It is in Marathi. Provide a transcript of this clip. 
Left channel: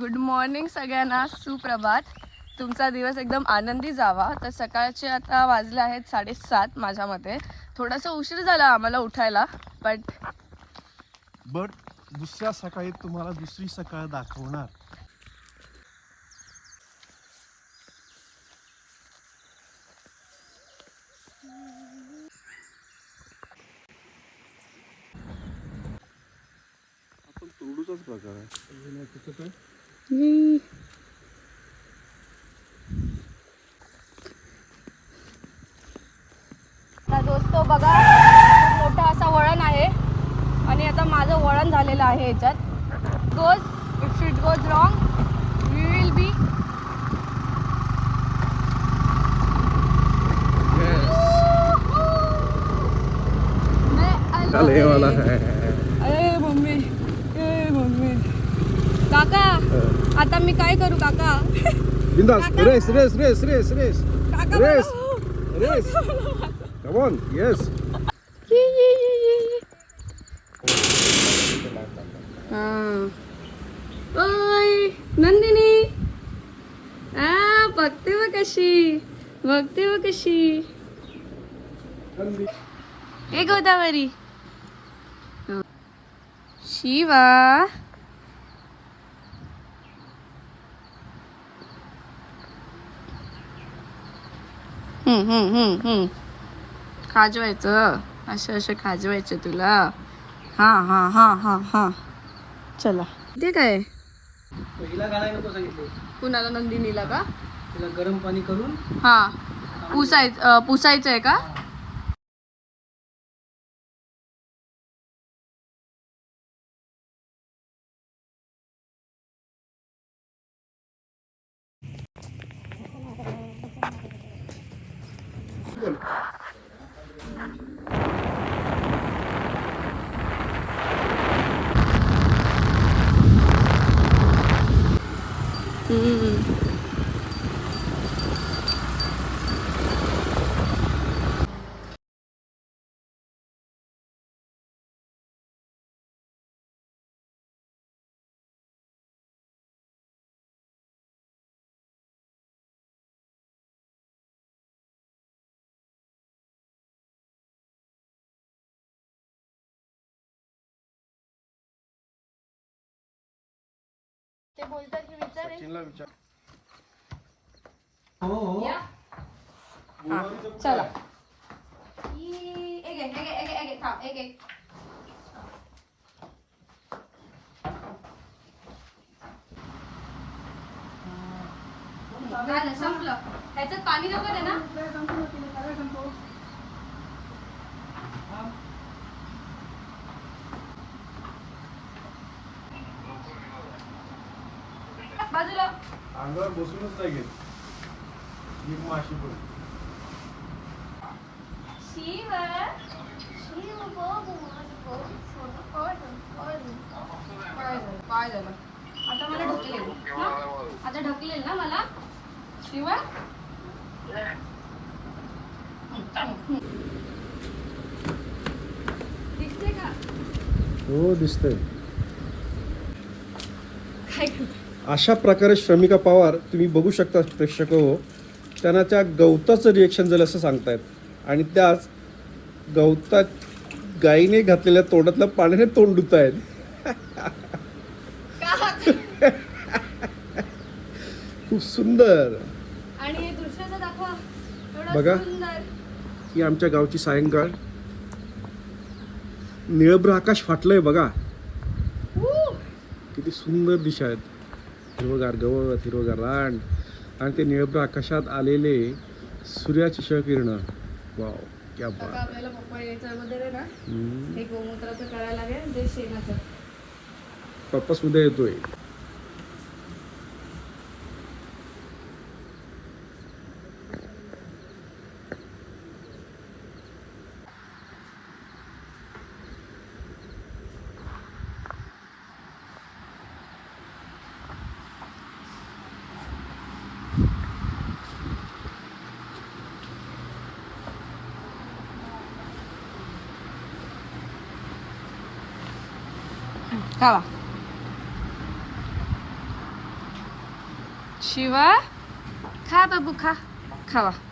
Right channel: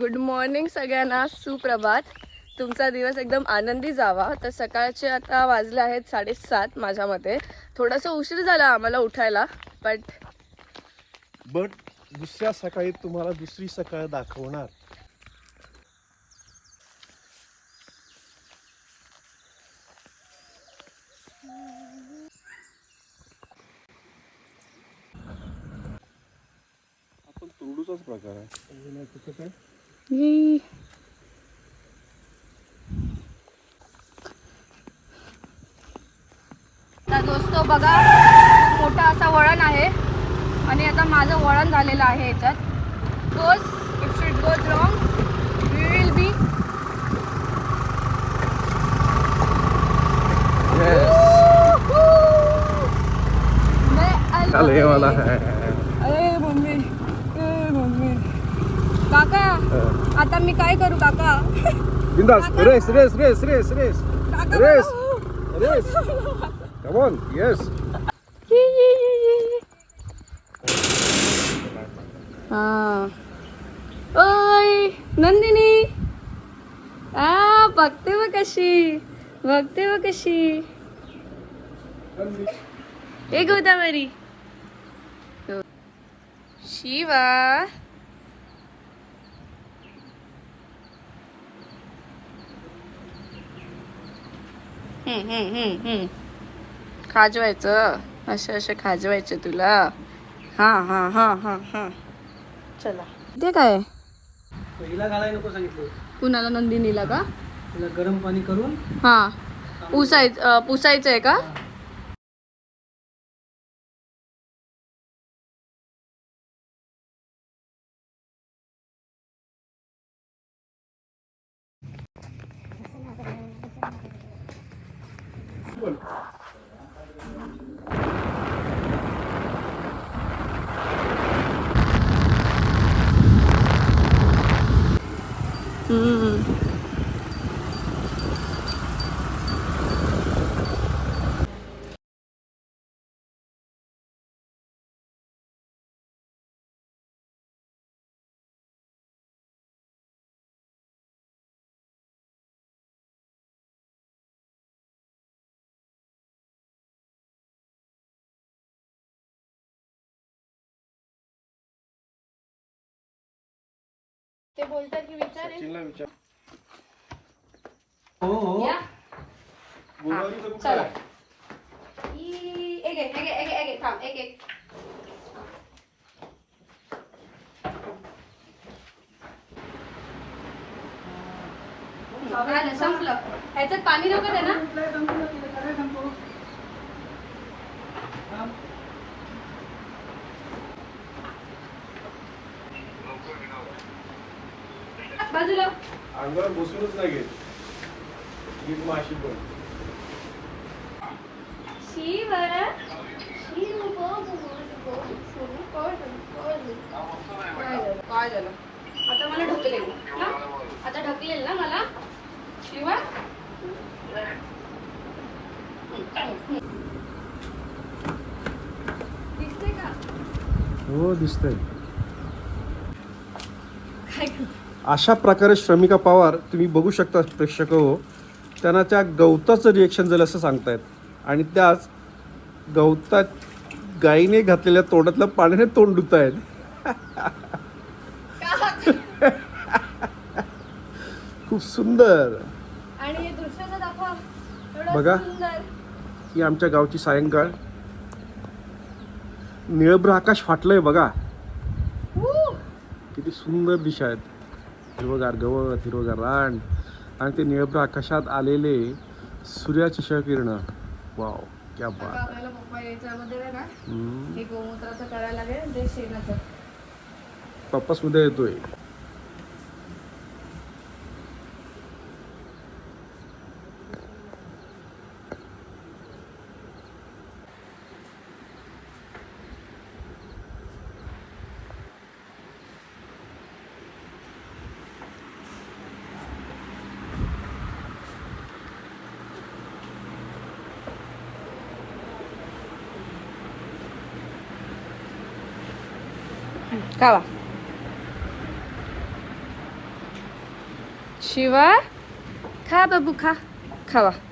गुड मॉर्निंग सगळ्यांना. सुप्रभात. तुमचा दिवस एकदम आनंदी जावा. तर सकाळचे आता वाजले आहेत साडेसात माझ्या मते थोडासा उशीर झाला आम्हाला उठायला बट बट दुसऱ्या सकाळी तुम्हाला दुसरी सकाळ दाखवणार. आपण तुरडूचाच प्रकार आहे. तर दोस्त बघा मोठा असा वळण आहे. आणि आता माझं वळण झालेलं आहे याच्यात. Goes it's it goes wrong we will be वाला है काका आता मी काय करू काका? बिंदास race race race race race. Race. Race. Come on yes. हा. ओय नंदिनी. आ बघते व कशी बघते व कशी. ए गोदावरी. शिवा. खाजवायचं. असे असे खाजवायचे तुला. हा हा हा हा हा. चला. ते काय? कुणाला नंदिनीला का? गरम पाणी करून. हा. पुसायचं पुसायचं आहे का? কি বলো ते बोलतात की विचार आहे. सचिनला विचार. हो हो. या. चला. ई- एक एक एक एक एक एक थांब एक एक. संपलं. ह्याच्यात पाणी नको आहे ना? बाजूला. अंगावर बसूनच नाही नीट माशी पण शिव शिव काय झालं आता मला ढकलेल ना? आता ढकलेल ना मला? शिवा? दिसते का? हो दिसतंय. काय अशा प्रकारे श्रमिका पवार तुम्ही बघू शकता प्रेक्षक हो त्यांना त्या गवताचं रिएक्शन झालं असं सांगतायत. आणि त्याच गवतात गाईने घातलेल्या तोंडातल्या पाण्याने तोंड धुत आहेत खूप सुंदर. आणि हे बघा. ही आमच्या गावची सायंकाळ. निळभ्र आकाश फाटलंय बघा! किती सुंदर दिशा आहेत. हिरवगार गवत हिरवगार रान आणि ते निळभ्र आकाशात आलेले सूर्याची क्षकिरणं वाव क्या बात. पप्पा यायचं अगोदर ખાવા. શિવા ખા બાબુ ખા. ખાવા.